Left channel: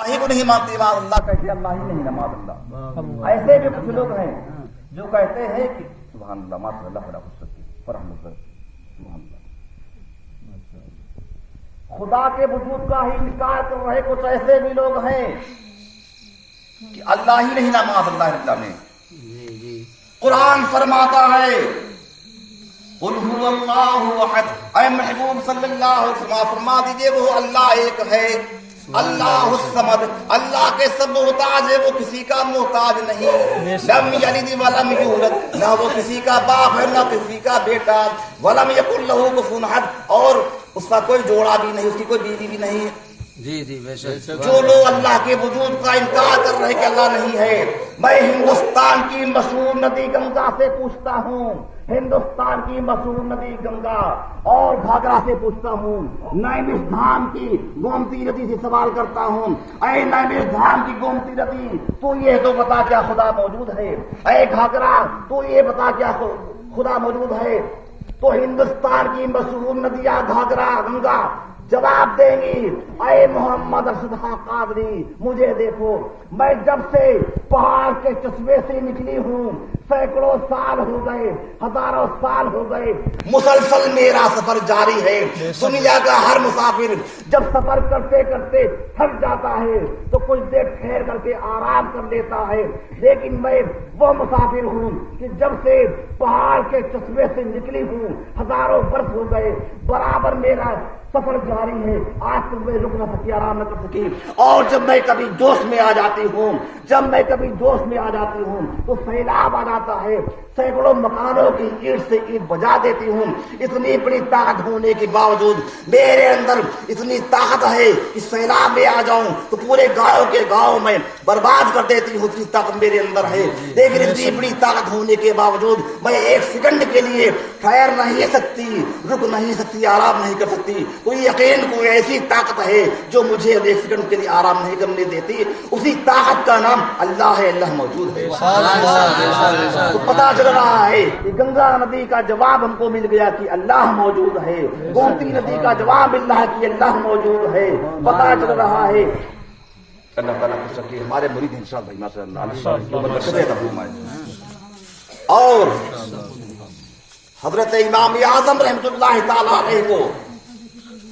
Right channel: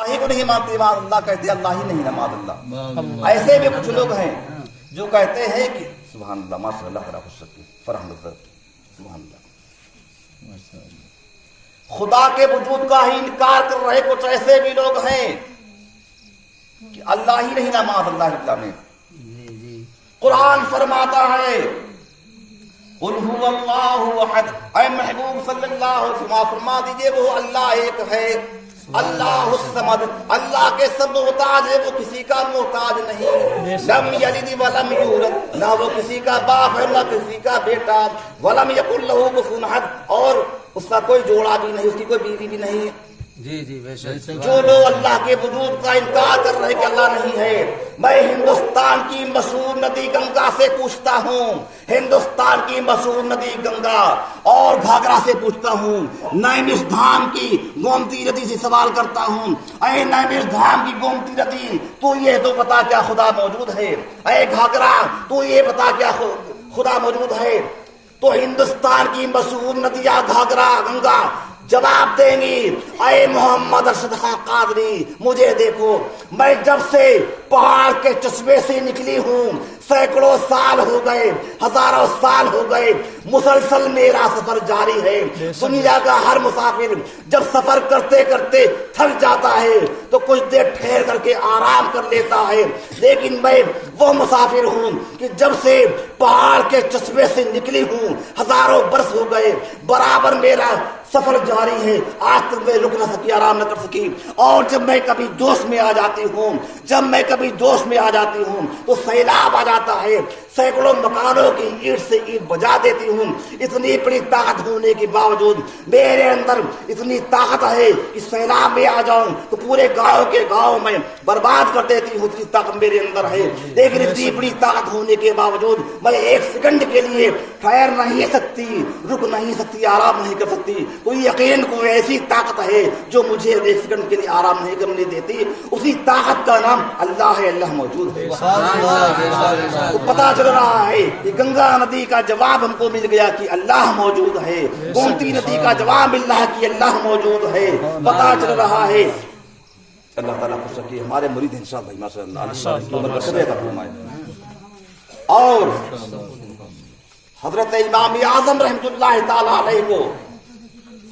اللہ کو نہیں مانتے معاذ اللہ کہتے ہیں اللہ ہی نہیں ہے معاذ اللہ. ایسے بھی کچھ لوگ ہیں جو کہتے ہیں کہ سبحان اللہ ماشاء اللہ خدا خوش سکے فرحمت سبحان اللہ خدا کے وجود کا ہی انکار کر رہے کچھ ایسے بھی لوگ ہیں کہ اللہ ہی نہیں نا معاذ اللہ اللہ میں. قرآن فرماتا ہے قل هو اللہ احد، اے محبوب صلی اللہ علیہ وسلم فرما دیجئے وہ اللہ ایک ہے، اللہ الصمد، اللہ کے سب محتاج ہے، وہ کسی کا محتاج نہیں، لم یلد ولم یولد، نہ وہ کسی کا باپ ہے نہ کسی کا بیٹا، ولم یکن لہ کفوا احد، اور اس کا کوئی جوڑا بھی نہیں، اس کی کوئی بیوی بھی نہیں. جی جی بے شک. جو لوگ اللہ کے وجود کا انکار کر رہے کہ اللہ نہیں ہے، میں ہندوستان کی مشہور ندی گنگا سے پوچھتا ہوں، ہندوستان کی مشہور ندی گنگا اور گھاگرا سے پوچھتا ہوں، نیمش دھام کی گومتی ندی سے سوال کرتا ہوں، اے نیمش دھام کی گومتی ندی تو یہ تو بتا کیا خدا موجود ہے، اے گھاگرا تو یہ بتا کیا خدا موجود ہے. تو ہندوستان کی مشہور ندیاں گھاگرا گنگا جواب دیں گی اے محمد ارشد خان قادری مجھے دیکھو، میں جب سے پہاڑ کے چشمے سے نکلی ہوں سینکڑوں سال ہو گئے، ہزاروں سال ہو گئے، مسلسل میرا سفر جاری ہے. دنیا کا ہر مسافر جب سفر کرتے کرتے تھک جاتا ہے تو کچھ دیر ٹھہر کر کے آرام کر لیتا ہے، لیکن میں وہ مسافر ہوں کہ جب سے پہاڑ کے چشمے سے نکلی ہوں ہزاروں برس ہو گئے، برابر میرا سفر جاری ہے، آج تک میں رک نہ سکی، آرام نہ کر سکی. اور جب میں کبھی جوش میں آ جاتی ہوں تو سیلاب آ جاتا ہے، سینکڑوں مکانوں کی اینٹ سے اینٹ بجا دیتی ہوں. اتنی بڑی طاقت ہونے کے باوجود میرے اندر اتنی طاقت ہے کہ سیلاب میں آ جاؤں تو پورے گاؤں کے گاؤں میں برباد کر دیتی ہوں، اتنی طاقت میرے اندر ہے. لیکن اتنی بڑی طاقت ہونے کے باوجود میں ایک سیکنڈ کے لیے ٹھہر نہیں سکتی، رک نہیں سکتی، آرام نہیں کر سکتی. کوئی یقین کوئی ایسی طاقت ہے جو مجھے ایک سیکنڈ کے لیے آرام نہیں کرنے دیتی، اسی طاقت کا نام اللہ ہے، اللہ موجود ہے. تو پتا چل رہا ہے کہ گنگا ندی کا جواب ہم کو مل گیا کہ اللہ موجود ہے، گومتی ندی کا جواب مل رہا ہے کہ اللہ موجود ہے. پتا چل رہا ہے اللہ تعالیٰ خوش رکھے ہمارے مرید ہیں شاہ بھائی ماشاء اللہ. اور حضرت امام اعظم رحمۃ اللہ تعالی علیہ کو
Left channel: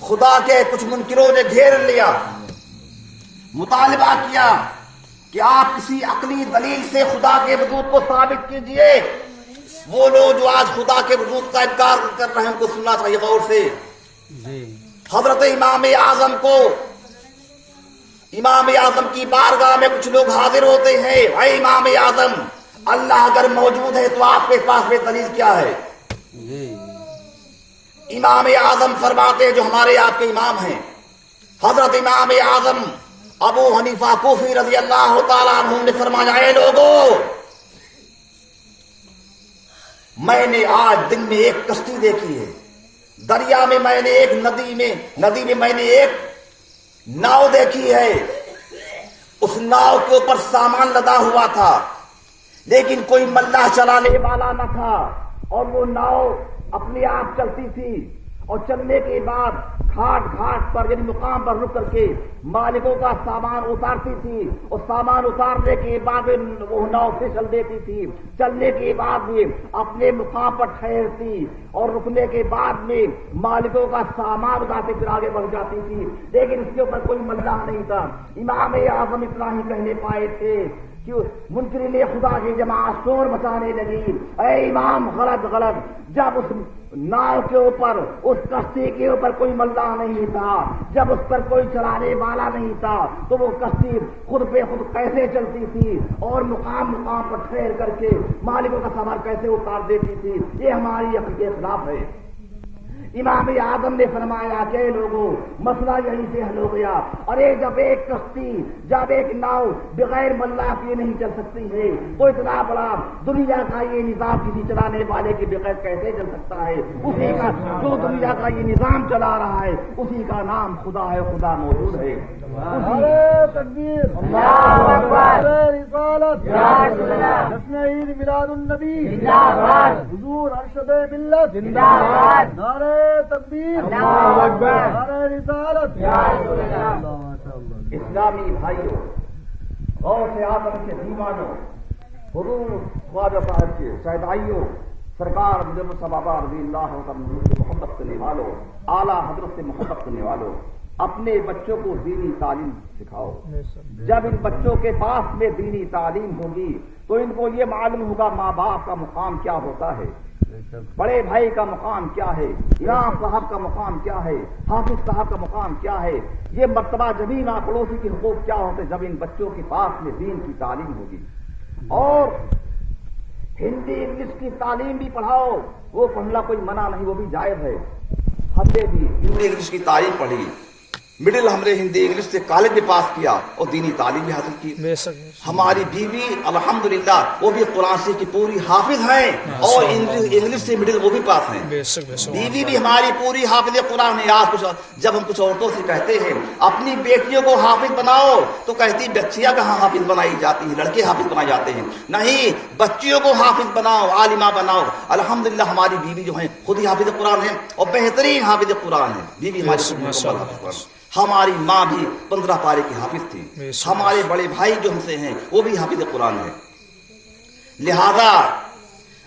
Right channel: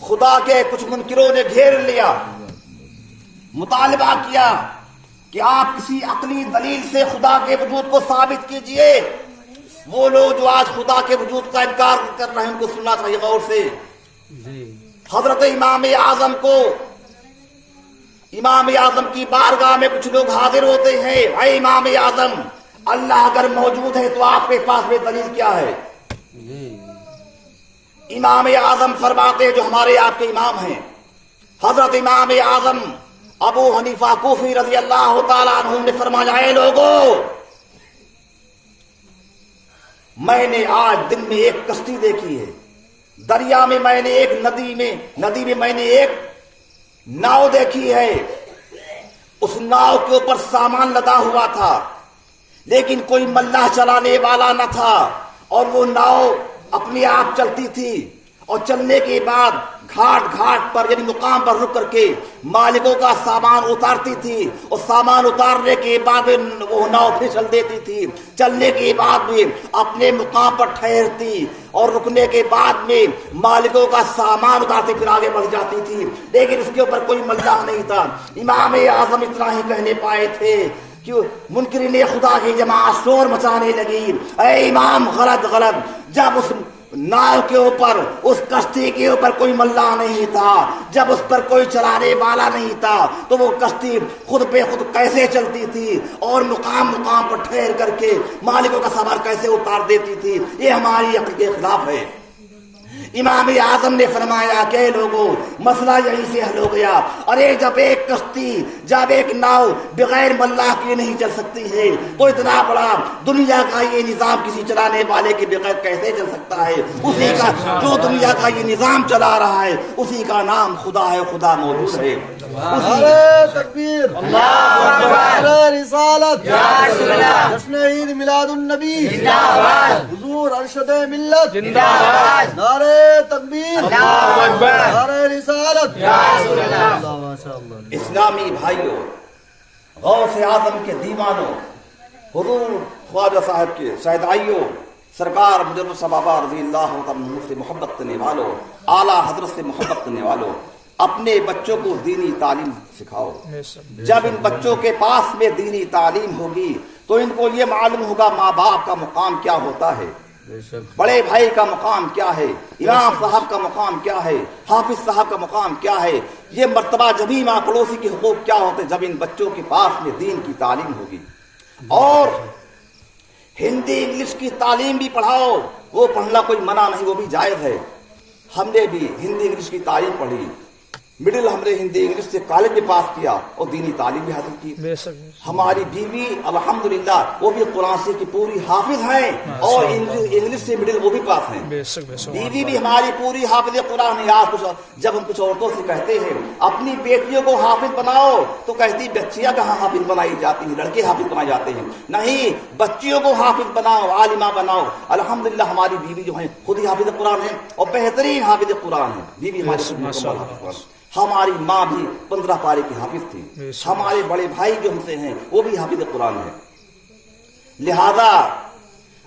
خدا کے کچھ منکروں نے گھیر لیا، مطالبہ کیا کہ آپ کسی عقلی دلیل سے خدا کے وجود کو ثابت کیجئے. وہ لوگ جو آج خدا کے وجود کا انکار کر رہے ہیں ان کو سننا چاہیے غور سے. حضرت امام اعظم کو، امام اعظم کی بارگاہ میں کچھ لوگ حاضر ہوتے ہیں، اے امام اعظم اللہ اگر موجود ہے تو آپ کے پاس میں دلیل کیا ہے؟ امام اعظم فرماتے جو ہمارے آپ کے امام ہیں حضرت امام اعظم ابو حنیفہ کوفی رضی اللہ تعالیٰ عنہ نے فرمایا اے لوگوں، میں نے آج دن میں ایک کشتی دیکھی ہے، دریا میں میں نے ایک ندی میں میں نے ایک ناؤ دیکھی ہے، اس ناؤ کے اوپر سامان لدا ہوا تھا لیکن کوئی ملاح چلانے والا نہ تھا، اور وہ ناؤ اپنے آپ چلتی تھی، اور چلنے کے بعد گھاٹ پر یعنی مقام پر رک کر کے مالکوں کا سامان اتارتی تھی، اور سامان اتارنے کے بعد وہ ناؤ پھر چل دیتی تھی، چلنے کے بعد بھی اپنے مقام پر ٹھہرتی اور رکنے کے بعد میں مالکوں کا سامان اتارتے پھر آگے بڑھ جاتی تھی، لیکن اس کے اوپر کوئی ملاح نہیں تھا. امام اعظم اتنا ہی کہنے پائے تھے کہ منکرین خدا کی جماعت شور مچانے لگی، اے امام غلط، جب اس ناؤ کے اوپر اس کشتی کے اوپر کوئی ملاح نہیں تھا، جب اس پر کوئی چلانے والا نہیں تھا تو وہ کشتی خود پہ خود کیسے چلتی تھی اور مقام پر ٹھہر کر کے مالکوں کا سامان کیسے اتار دیتی تھی؟ یہ ہماری عقل کے خلاف ہے. امام اعظم نے فرمایا کہ لوگوں مسئلہ یہیں سے حل ہو گیا. ارے جب ایک کشتی، جب ایک ناؤ بغیر ملاح کے نہیں چل سکتی ہے تو اتنا بڑا دنیا کا یہ نظام کسی چلانے والے کے بغیر کیسے چل سکتا ہے؟ اسی کا جو دنیا کا یہ نظام چلا رہا ہے اسی کا نام خدا ہے، خدا موجود ہے. تکبیر، اللہ اکبر، رسالت، جشن عید میلاد النبی زندہ باد، حضور ارشد ملت زندہ باد، نعرہ تکبیر، اللہ اکبر، نعرہ رسالت، یا رسول اللہ، ماشاء اللہ. اسلامی بھائیوں، غوث اعظم کے دیوانوں، حضور خواجہ صاحب کے شہدائیوں، سرکار مجرد صحابہ رضی اللہ عنہ سے محبت کرنے والوں، اعلیٰ حضرت سے محبت کرنے والوں، اپنے بچوں کو دینی تعلیم سکھاؤ۔ جب ان بچوں کے پاس میں دینی تعلیم ہوگی تو ان کو یہ معلوم ہوگا ماں باپ کا مقام کیا ہوتا ہے، بڑے بھائی کا مقام کیا ہے، امام صاحب کا مقام کیا ہے، حافظ صاحب کا مقام کیا ہے، یہ مرتبہ جبھی ماں پڑوسی کے حقوق کیا ہوتے جب ان بچوں کے پاس میں دین کی تعلیم ہوگی۔ اور ہندی انگلش کی تعلیم بھی پڑھاؤ، وہ پڑھنا کوئی منع نہیں، وہ بھی جائز ہے۔ ہم نے بھی ہندی انگلش کی تعلیم پڑھی، مڈل ہم نے ہندی انگلش سے کالج میں پاس کیا اور دینی تعلیم بھی حاصل کی۔ ہماری بیوی الحمدللہ وہ بھی قرآن شریف کی پوری حافظ ہیں اور انگلش سے مڈل وہ بھی پاس ہیں۔ بیوی بھی ہماری پوری حافظ قرآن ہے۔ آج جب ہم کچھ عورتوں سے کہتے ہیں اپنی بیٹیوں کو حافظ بناؤ تو کہتی بچیاں کہاں حافظ بنائی جاتی ہیں، لڑکے حافظ بنائے جاتے ہیں۔ نہیں، بچیوں کو حافظ بناؤ، عالمہ بناؤ۔ الحمدللہ ہماری بیوی جو ہیں خود ہی حافظ قرآن ہے اور بہترین حافظ قرآن ہے۔ بیوی ہماری ہماری ماں بھی 15 پارے کی حافظ تھی، ہمارے بڑے بھائی جو ہم سے ہیں وہ بھی حافظ قرآن ہے۔ لہذا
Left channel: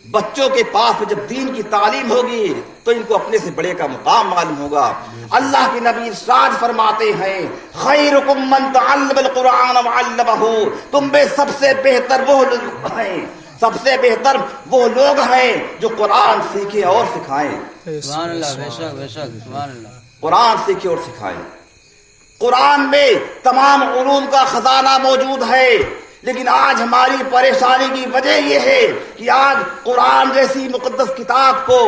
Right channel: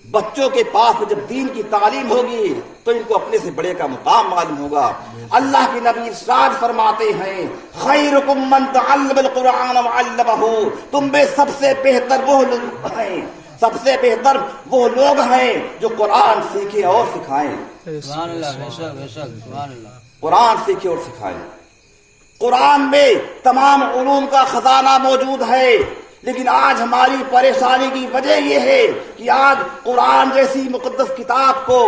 بچوں کے پاس جب دین کی تعلیم ہوگی تو ان کو اپنے سے بڑے کا مقام معلوم ہوگا۔ اللہ کے نبی ارشاد فرماتے ہیں خیرکم من تعلم القرآن وعلمہ، تم میں سب سے بہتر وہ لوگ ہیں، سب سے بہتر وہ لوگ ہیں جو قرآن سیکھیں اور سکھائیں۔ سبحان اللہ، بے شک بے شک، سبحان اللہ۔ قرآن سیکھیں اور سکھائیں۔ قرآن میں تمام علوم کا خزانہ موجود ہے، لیکن آج ہماری پریشانی کی وجہ یہ ہے کہ آج قرآن جیسی مقدس کتاب کو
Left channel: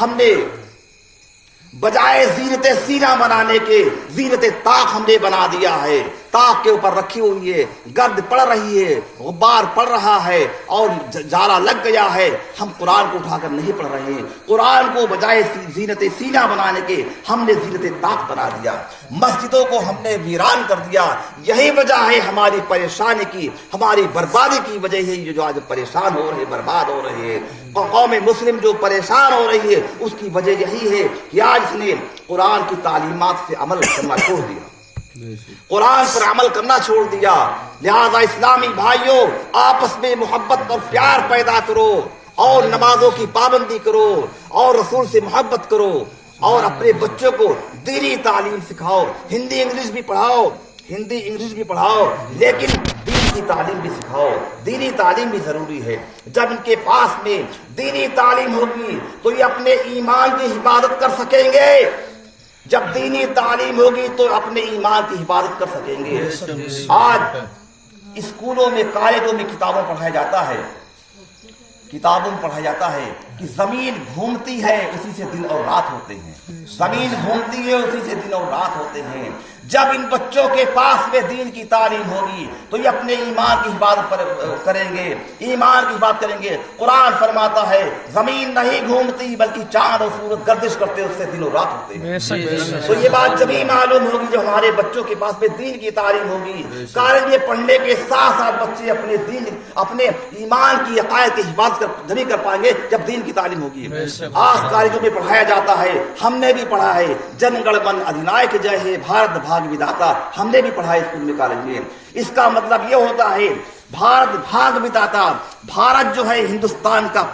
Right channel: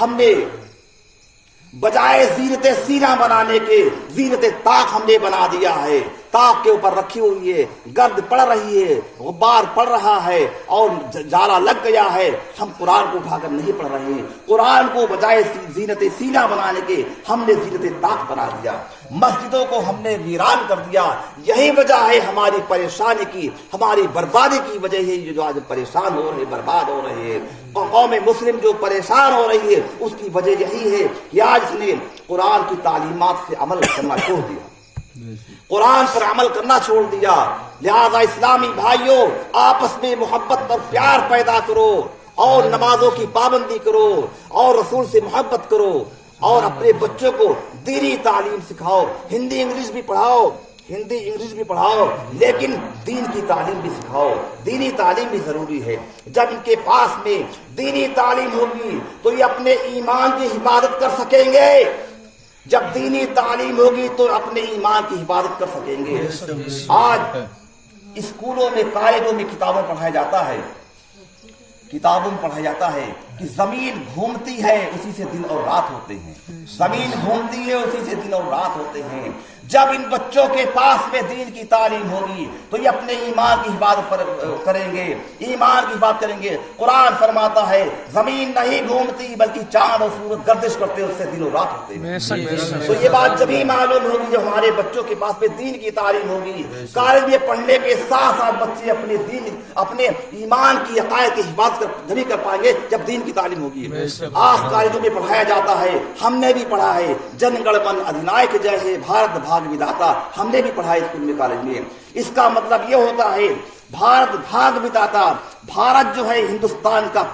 ہم نے بجائے زینت سینہ بنانے کے زینت طاق ہم نے بنا دیا ہے۔ طاق کے اوپر رکھی ہوئی ہے، گرد پڑ رہی ہے، غبار پڑ رہا ہے اور جالا لگ گیا ہے، ہم قرآن کو اٹھا کر نہیں پڑھ رہے ہیں۔ قرآن کو بجائے زینت سینہ بنانے کے ہم نے زینت طاق بنا دیا، مسجدوں کو ہم نے ویران کر دیا۔ یہی وجہ ہے ہماری پریشانی کی، ہماری بربادی کی وجہ ہے جو آج پریشان ہو رہے، برباد ہو رہے ہیں۔ قوم مسلم جو پریشان ہو رہی ہے اس کی وجہ یہی ہے کہ آج اس نے قرآن کی تعلیمات سے عمل کرنا چھوڑ دیا، قرآن پر عمل کرنا چھوڑ دیا۔ لہذا اسلامی بھائیوں، آپس میں محبت اور پیار پیدا کرو اور نمازوں کی پابندی کرو اور رسول سے محبت کرو اور اپنے بچوں کو دینی تعلیم سکھاؤ۔ ہندی انگلش بھی پڑھاؤ، ہندی انگلش بھی پڑھاؤ، لیکن دین کی تعلیم بھی سکھاؤ۔ دینی تعلیم بھی ضروری ہے۔ جب ان کے پاس میں دینی تعلیم ہوگی تو یہ اپنے ایمان کی حفاظت کر سکیں گے۔ جب دینی تعلیم ہوگی تو اپنے ایمان کی حفاظت کر سکیں گے۔ آج اسکولوں میں، کالجوں میں کتابوں پڑھایا جاتا ہے، کتابوں میں پڑھایا جاتا ہے کہ زمین گھومتی ہے اسی سے دن اور رات ہوتے ہیں، زمین گھومتی ہے اسی سے دن اور رات ہوتے ہیں۔ جب ان بچوں کے پاس میں دین کی تعلیم ہوگی تو یہ اپنے ایمان کی حفاظت کریں گے، ایمان کی حفاظت کریں گے۔ قرآن فرماتا ہے زمین نہیں گھومتی بلکہ چاند اور سورج گردش کرتے اس سے دن اور رات ہوتے ہیں۔ تو یہ بات جب ہی معلوم ہوگی جب ہمارے بچوں کے پاس میں دین کی تعلیم ہوگی۔ کالج میں پڑھنے کے ساتھ ساتھ بچے اپنے دین، اپنے ایمان کی عقائد کی حفاظت نہیں کر پائیں گے جب دین کی تعلیم ہوگی۔ آج کالجوں میں پڑھایا جاتا ہے، ہم نے بھی پڑھا ہے، جن گڑ من ادھنائک جے ہے بھارت بھاگ وداتا، ہم نے بھی پڑھا ہے اسکول میں، کالج میں۔ اس کا مطلب یہ ہوتا ہے بھارت بھاگ وداتا، بھارت جو ہے ہندوستان کا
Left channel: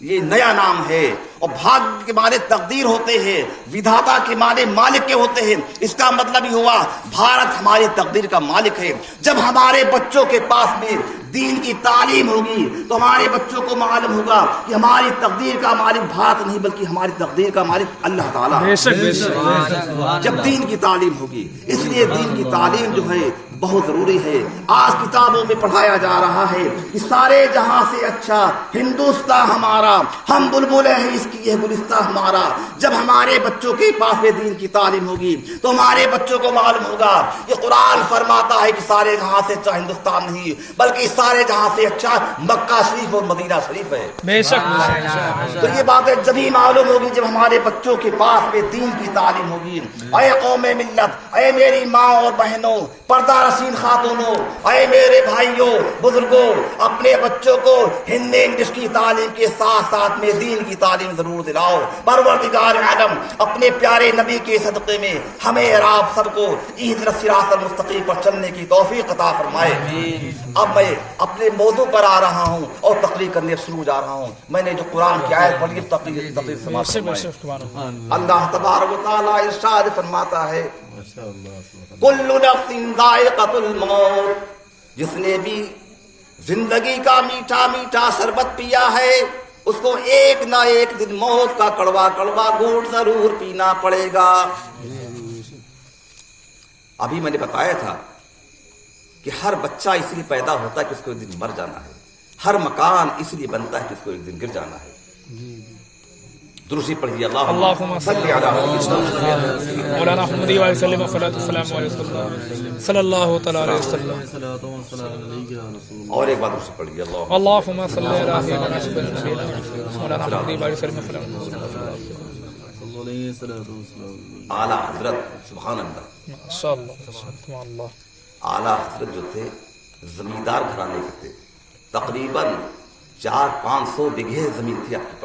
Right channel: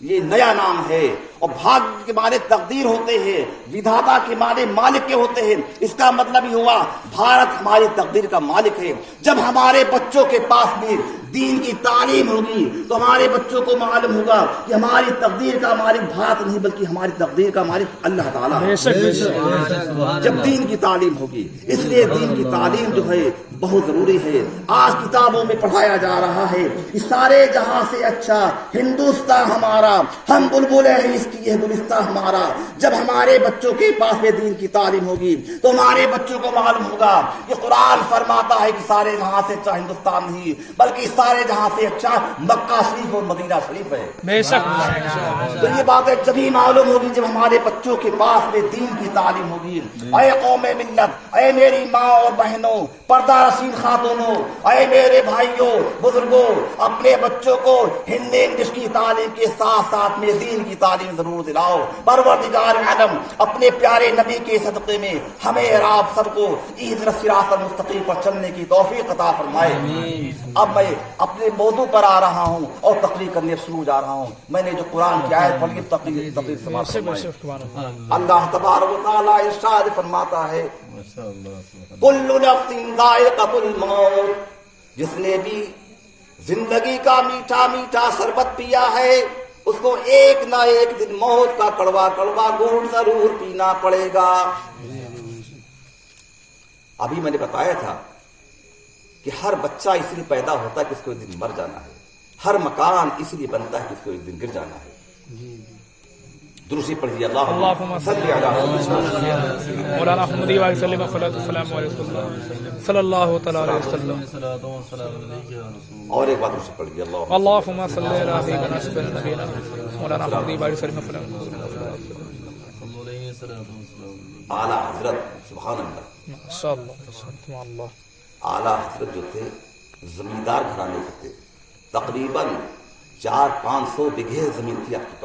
یہ نیا نام ہے، اور بھاگ کے معنی تقدیر ہوتے ہیں، ودھاتا کے معنی مالک کے ہوتے ہیں۔ اس کا مطلب یہ ہوا بھارت ہماری تقدیر کا مالک ہے۔ جب ہمارے بچوں کے پاس میں دین کی تعلیم ہوگی تو ہمارے بچوں کو معلوم ہوگا کہ ہماری تقدیر کا مالک بھارت نہیں بلکہ ہماری تقدیر کا مالک اللہ تعالیٰ۔ جب دین کی تعلیم ہوگی، اس لیے دین کی تعلیم جو ہے بہت ضروری ہے۔ آج کتابوں میں پڑھایا جا رہا ہے کہ سارے جہاں سے اچھا ہندوستان ہمارا، ہم بلبلے ہیں اس کی یہ گلستہ ہمارا۔ جب ہمارے بچوں کے پاس میں دین کی تعلیم ہوگی تو ہمارے بچوں کو معلوم ہوگا کہ قرآن فرماتا ہے کہ سارے جہاں سے اچھا ہندوستان نہیں بلکہ سارے جہاں سے اچھا مکہ شریف اور مدینہ شریف ہے۔ بے شک۔ تو یہ بات ہے جب ہی معلوم ہوگی جب ہمارے بچوں کے پاس میں دین کی تعلیم ہوگی۔ اے قوم ملت، اے میری ماں اور بہنوں، پردہ رسین خاتونوں، اے میرے بھائیوں بزرگوں، اپنے بچوں کو ہندی انگلش کی تعلیم کے ساتھ ساتھ میں دین کی تعلیم ضرور دلاؤ. پروردگار عالم اپنے پیارے نبی کے صدقے میں ہمیں اور آپ سب کو اہدنا الصراط المستقیم پر چلنے کی توفیق عطا فرمائے. اب میں اپنے موضوع پر آ رہا ہوں اور تقریر کرنے شروع جا رہا ہوں. میں نے جو قرآن کی آیت پڑھی تقریر سماعت فرمائے. اللہ تبارک و تعالیٰ ارشاد فرماتا ہے کل نفس ذائقۃ الموت، جس نے بھی زندگی کا میٹھا میٹھا شربت پیا ہے اس کو ایک نہ ایک دن موت کا کڑوا کڑوا گھونٹ ضرور پینا پڑے گا. ابھی میں نے بتایا تھا کہ ہر بچہ اس لیے پیدا ہوتا ہے کہ اس کو ایک دن مر جانا ہے. ہر مکان اس لیے بنتا ہے کہ اس کو ایک دن گر جانا ہے. درسی پڑھیے اللہم صلی علی مولانا محمد علیہ وسلم السلام علیکم صلی اللہ تعالی علیہ وسلم. اور ایک بار درسی پڑھیے اللہم صلی علی مولانا محمد علیہ وسلم. اعلیٰ حضرت سبحان اللہ ماشاءاللہ اللہ اعلیٰ حضرت جو تھے زمیندار گھرانے کے تھے. تقریباً 400-500 بیگھے زمین تھی آپ کے پاس.